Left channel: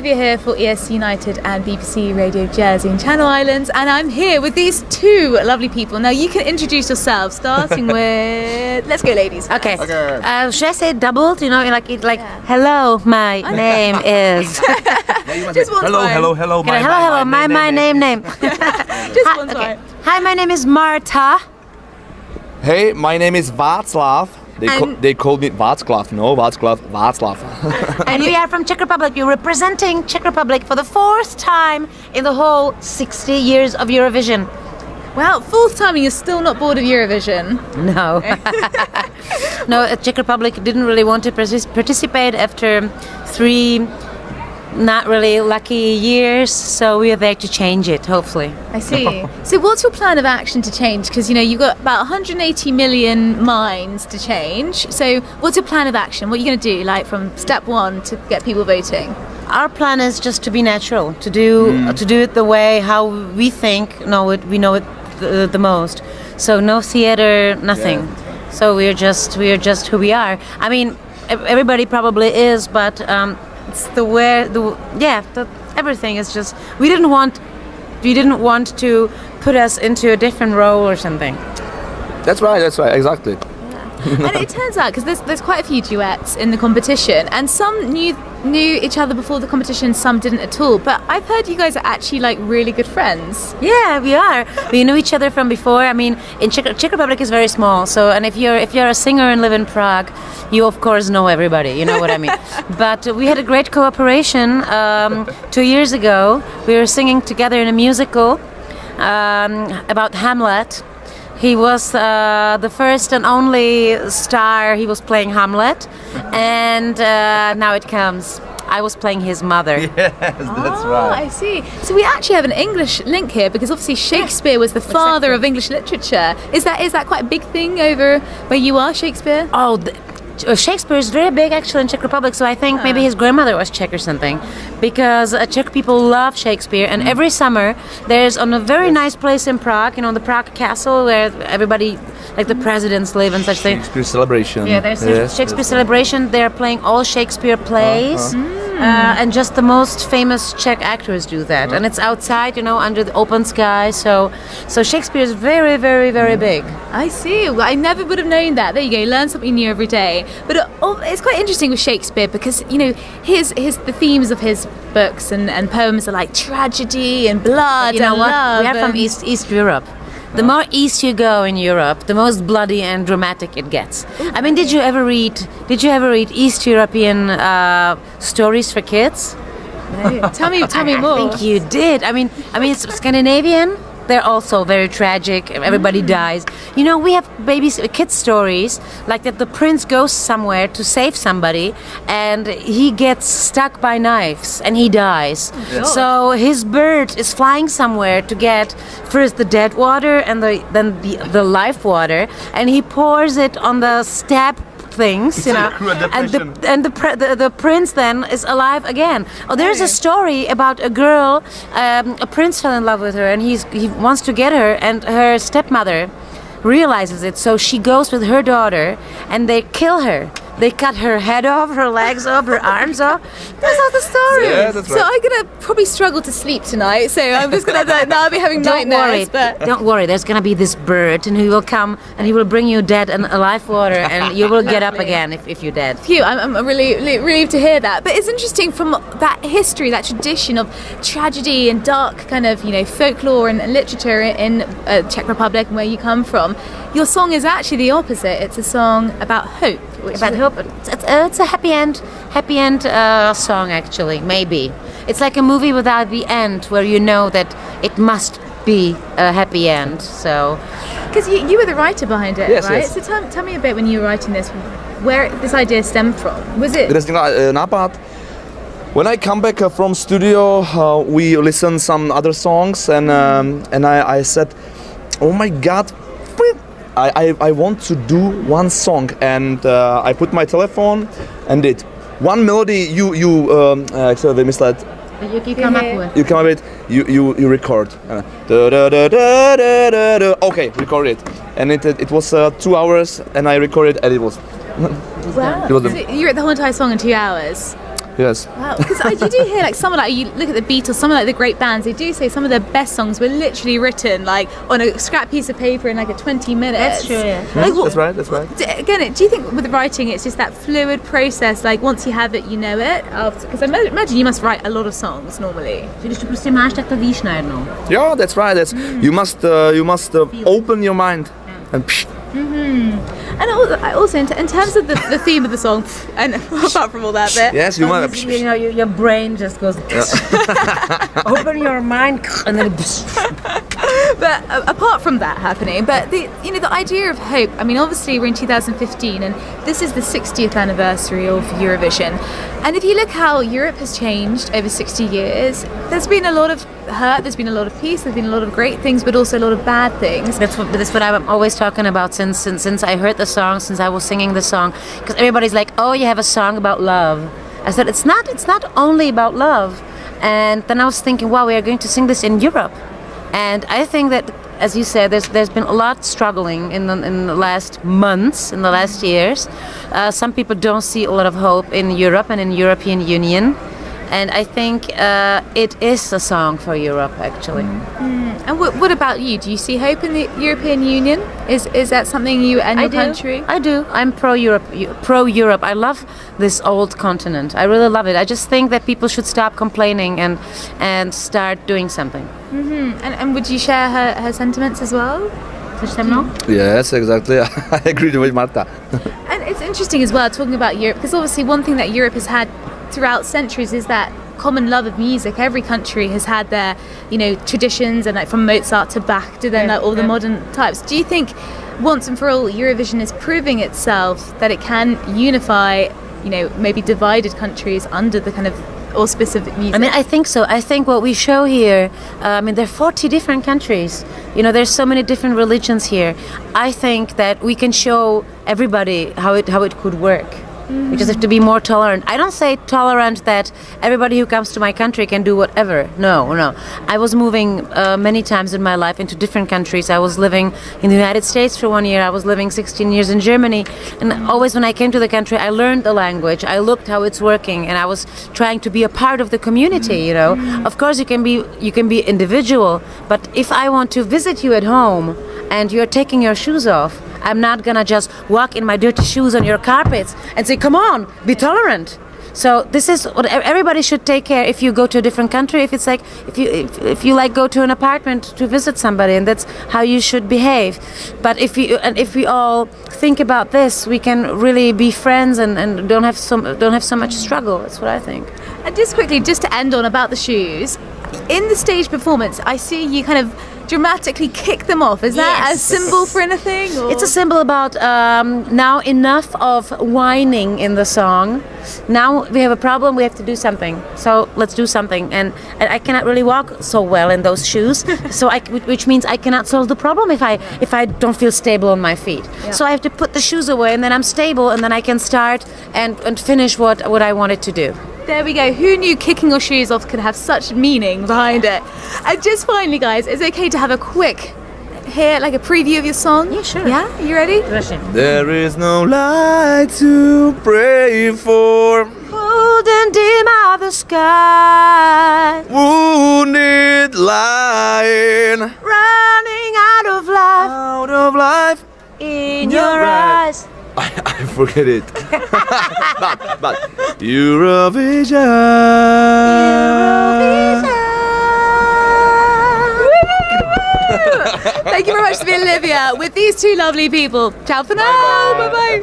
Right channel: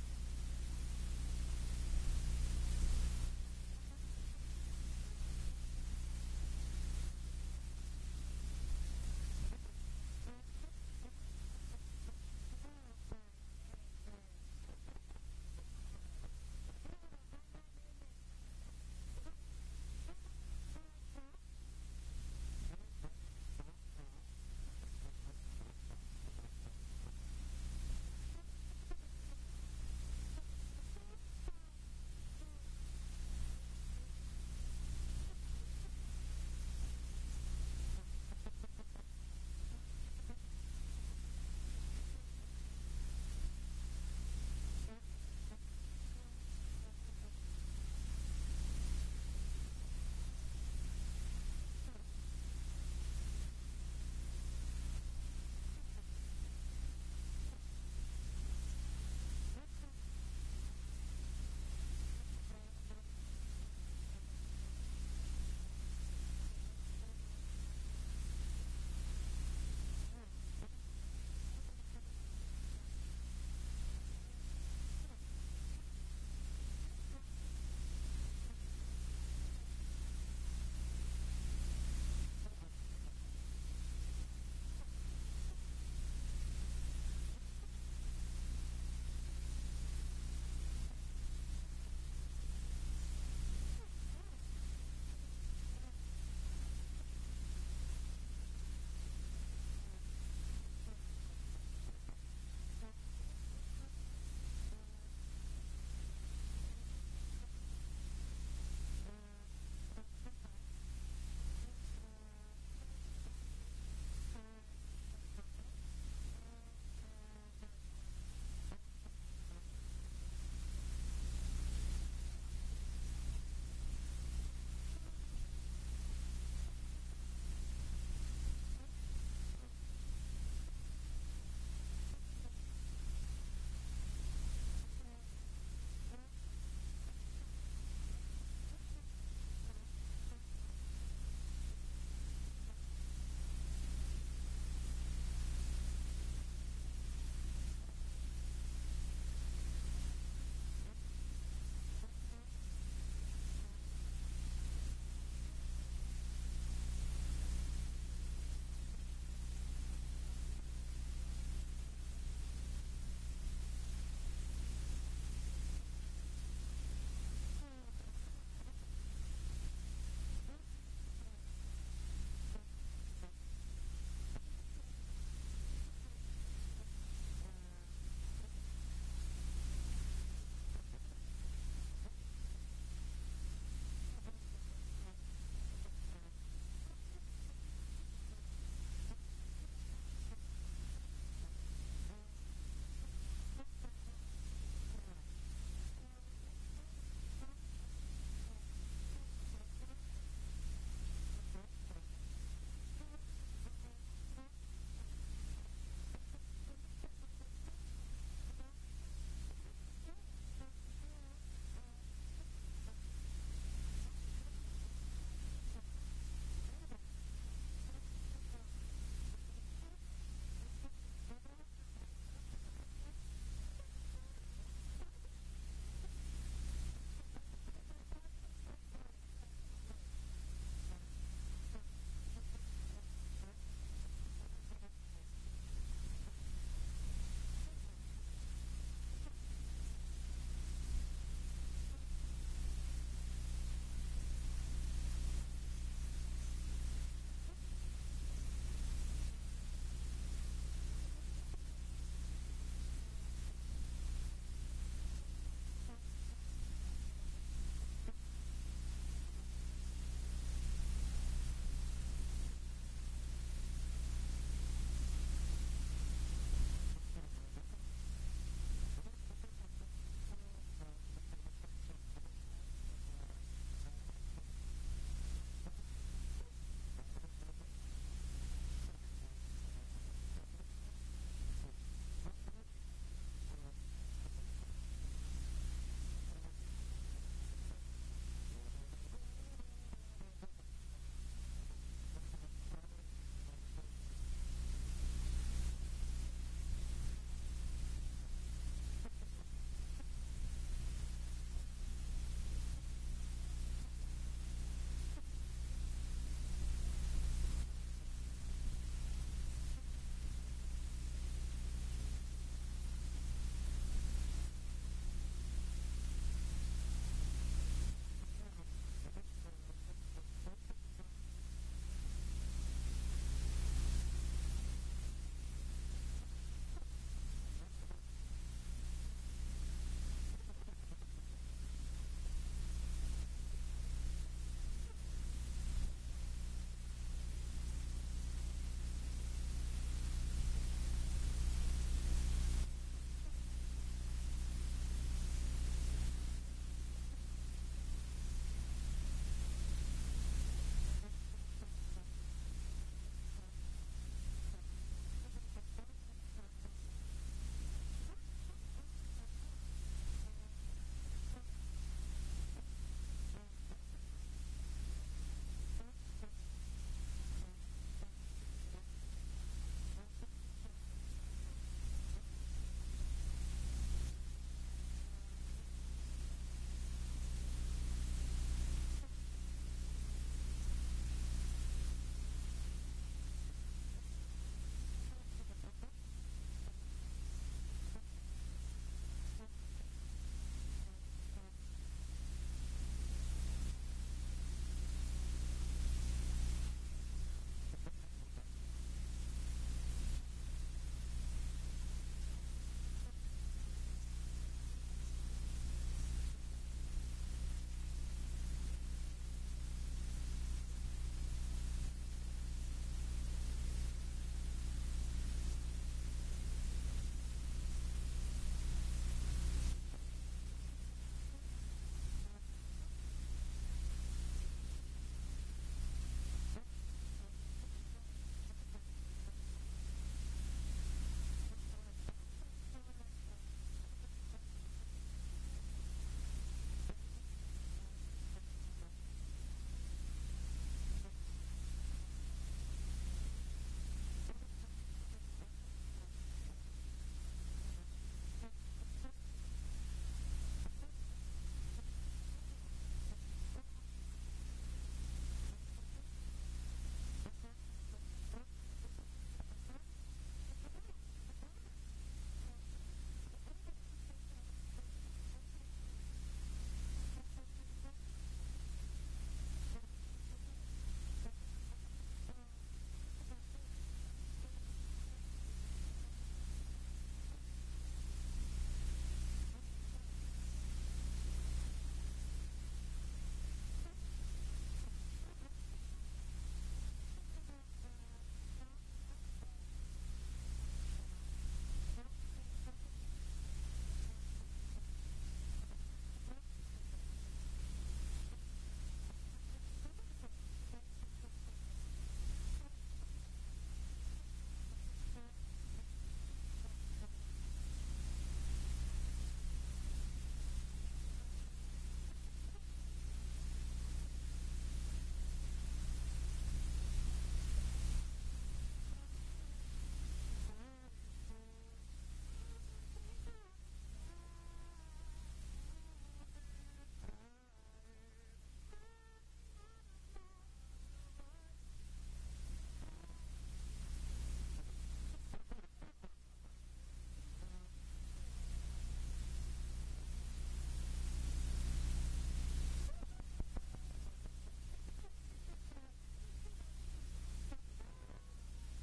Olivia here for ESC United and BBC Radio Jersey in Channel Islands, and I'm here with these two lovely people. Now you can introduce yourselves, starting with... Let's go, ladies. Okay. Should I say doubled? You know, hello, my name is... Just one time. Hello, my name. Just one time. Hi, my name is Marta. Hey, my name is Václav. They called me Václav. No, Václav. And we are from Czech Republic. You're representing Czech Republic for the 4th time in the whole 60 years of Eurovision. Wow, 4th time and you're still not bored of Eurovision? No. No, Czech Republic didn't really want to participate after 3 not really lucky years, so we are there to change it, hopefully. I see. So what's your plan of action to change? Because, you know, you've got about 180 million minds to change. So what's your plan of action? What are you going to do, like, from step 1 to get people voting? Our plan is just to be natural, to do it the way how we think, we know it the most. So no theater, nothing. Yeah. So we're just who we are. I mean, everybody probably is, but it's everything is just we didn't want to put us into a different role or something. That's right, exactly. Yeah. And it turns out, because there's quite a few duets in the competition, and some knew each other before the competition, some didn't at all. But I've heard you guys are actually like really good friends. Yeah, we are. We knew each other from before. I mean, in Czech Republic is very small. So, and if you're a singer and live in Prague, you of course know everybody. You know what I mean. But we had a great cooperation 2 years ago. We were singing together in a musical about Hamlet. He was the first and only star. He was playing Hamlet, and now it comes. I was playing his mother. Yes, that's right. I see. So we actually have an English link here, because obviously Shakespeare was the father of English literature. Is that quite a big thing over where you are, Shakespeare? Oh, Shakespeare is very big actually in Czech Republic, so I think maybe his grandmother was Czech or something, because Czech people love Shakespeare, and every summer there's on a very nice place in Prague, you know, the Prague Castle, where everybody, like the presidents live and such things. Shakespeare celebration. Yeah, there's Shakespeare celebration. They're playing all Shakespeare plays. And just the most famous Czech actors do that, and it's outside, you know, under the open sky. So Shakespeare is very, very, very big. I see. Well, I never would have known that. There you go. Learn something new every day. But it's quite interesting with Shakespeare, because, you know, the themes of his books and poems are like tragedy and blood. You know what? Love. We are from East Europe. The more east you go in Europe, the most bloody and dramatic it gets. I mean, did you ever read East European stories for kids? No. Tell me more. I think you did. I mean, it's Scandinavian. They're also very tragic. Everybody dies. You know, we have kids stories like that. The prince goes somewhere to save somebody, and he gets stuck by knives and he dies. Oh, so his bird is flying somewhere to get first the dead water and then the life water, and he pours it on the stab things, you know, and the prince then is alive again. Oh, there's a story about a girl, a prince fell in love with her, and he wants to get her, and her stepmother realizes it, so she goes with her daughter, and they kill her. They cut her head off, her legs off, her arms off. That's all the story. Yeah, that's right. So I'm gonna probably struggle to sleep tonight. So I'm just gonna now I'll be having nightmares. Don't worry. There's gonna be this bird, and he will come and he will bring you dead and alive water, and you will get up again if you're dead. Phew, I'm really relieved to hear that. But it's interesting, from that history, that tradition of tragedy and dark kind of, you know, folklore and literature in Czech Republic and where you come from. Your song is actually the opposite. It's a song about hope. About hope. It's a happy end song, actually. Maybe it's like a movie without the end, where you know that it must be a happy end. So, because you were the writer behind it, yes, right? Yes. So tell me a bit, when you were writing this, where this idea stemmed from. Was it? Nápad. When I come back from studio, we listen some other songs, and I said, "Oh my God, I want to do one song," and I put my telephone and did one melody. You actually misled. You come up with. You come up with. You record. Okay, record it, and it was 2 hours, and I recorded, and it was. Wow. It was so you wrote the whole entire song in 2 hours. Yes. Wow, because you do hear like someone like, you look at the Beatles, some of like the great bands, they do say some of their best songs were literally written like on a scrap piece of paper in like a 20 minutes. That's true, yeah. Like, That's right, that's right. Again, do you think with writing it's just that fluid process, like once you have it, you know it? Because I imagine you must write a lot of songs normally. Když to prostě máš, tak to víš najednou. Yeah, that's right. That's you must open your mind and. And also in terms of the theme of the song, and apart from all that bit, Yes, you might. You know, your brain just goes. Open your mind, and then. but apart from that happening, but the idea of hope. I mean, obviously we're in 2015, and this is the 60th anniversary of Eurovision. And if you look how Europe has changed over 60 years, there's been a lot of hurt, there's been a lot of peace, there's been a lot of great things, but also a lot of bad things. That's what I'm always talking about since I heard the song, since I was singing the song. Because everybody's like, oh, you have a song about love. I said, it's not only about love. And then I was thinking, wow, we are going to sing this in Europe. And I think that, as you said, there's been a lot struggling in the last months, in the last years. Some people don't see a lot of hope in Europe and in European Union. And I think it is a song for Europe, actually. And what about you? Do you see hope in the European Union? Is that something you and your country? I do. I'm pro-Europe. Pro-Europe. I love this old continent. I really love it. I just think that people should stop complaining and start doing something. And would you share her sentiments as well? Yes, exactly. I agree with Marta. And it's interesting as well talking about Europe, because obviously one thing that Europe has had throughout centuries is that common love of music. Every country has had their, traditions, and like from Mozart to Bach to then like all the modern types. Do you think once and for all Eurovision is proving itself that it can unify, maybe divided countries under the kind of auspice of music? I mean, I think so. I think what we show here, there are 40 different countries. There's so many different religions here. I think that we can show everybody how it could work. We just have to be more tolerant. I don't say tolerant that everybody who comes to my country can do whatever. No. I was moving many times in my life into different countries. I was living in the United States for 1 year. I was living 16 years in Germany. And always when I came to the country, I learned the language. I looked how it's working, and I was trying to be a part of the community, Of course, you can be individual, but if I want to visit you at home and you're taking your shoes off, I'm not gonna just walk in my dirty shoes on your carpets and say, come on, be tolerant. So this is what everybody should take care. If you go to a different country, if it's like if you like go to an apartment to visit somebody, and that's how you should behave. But if we all think about this, we can really be friends and don't have so much struggle. That's what I think. And just quickly, just to end on about the shoes, in the stage performance, I see you kind of dramatically kick them off. Is that a symbol for anything? Or? It's a symbol about now enough of whining in the song. Now we have a problem, we have to do something. So let's do something. And I cannot really walk so well in those shoes. Which means I cannot solve the problem if I don't feel stable on my feet. Yeah. So I have to put the shoes away, and then I'm stable, and then I can start and finish what I wanted to do. There we go. Who knew kicking your shoes off could have such meaning behind it? And just finally, guys, is it okay to have a quick like a preview of your song? Yeah, sure. Yeah? You ready? There is no light to pray for. Cold and dim are the sky. Wounded lion. Running out of life. Out of life. In your eyes. I forget it. but Eurovision. Thank you very much to be Olivia with these two lovely people. Ciao for now. Bye bye.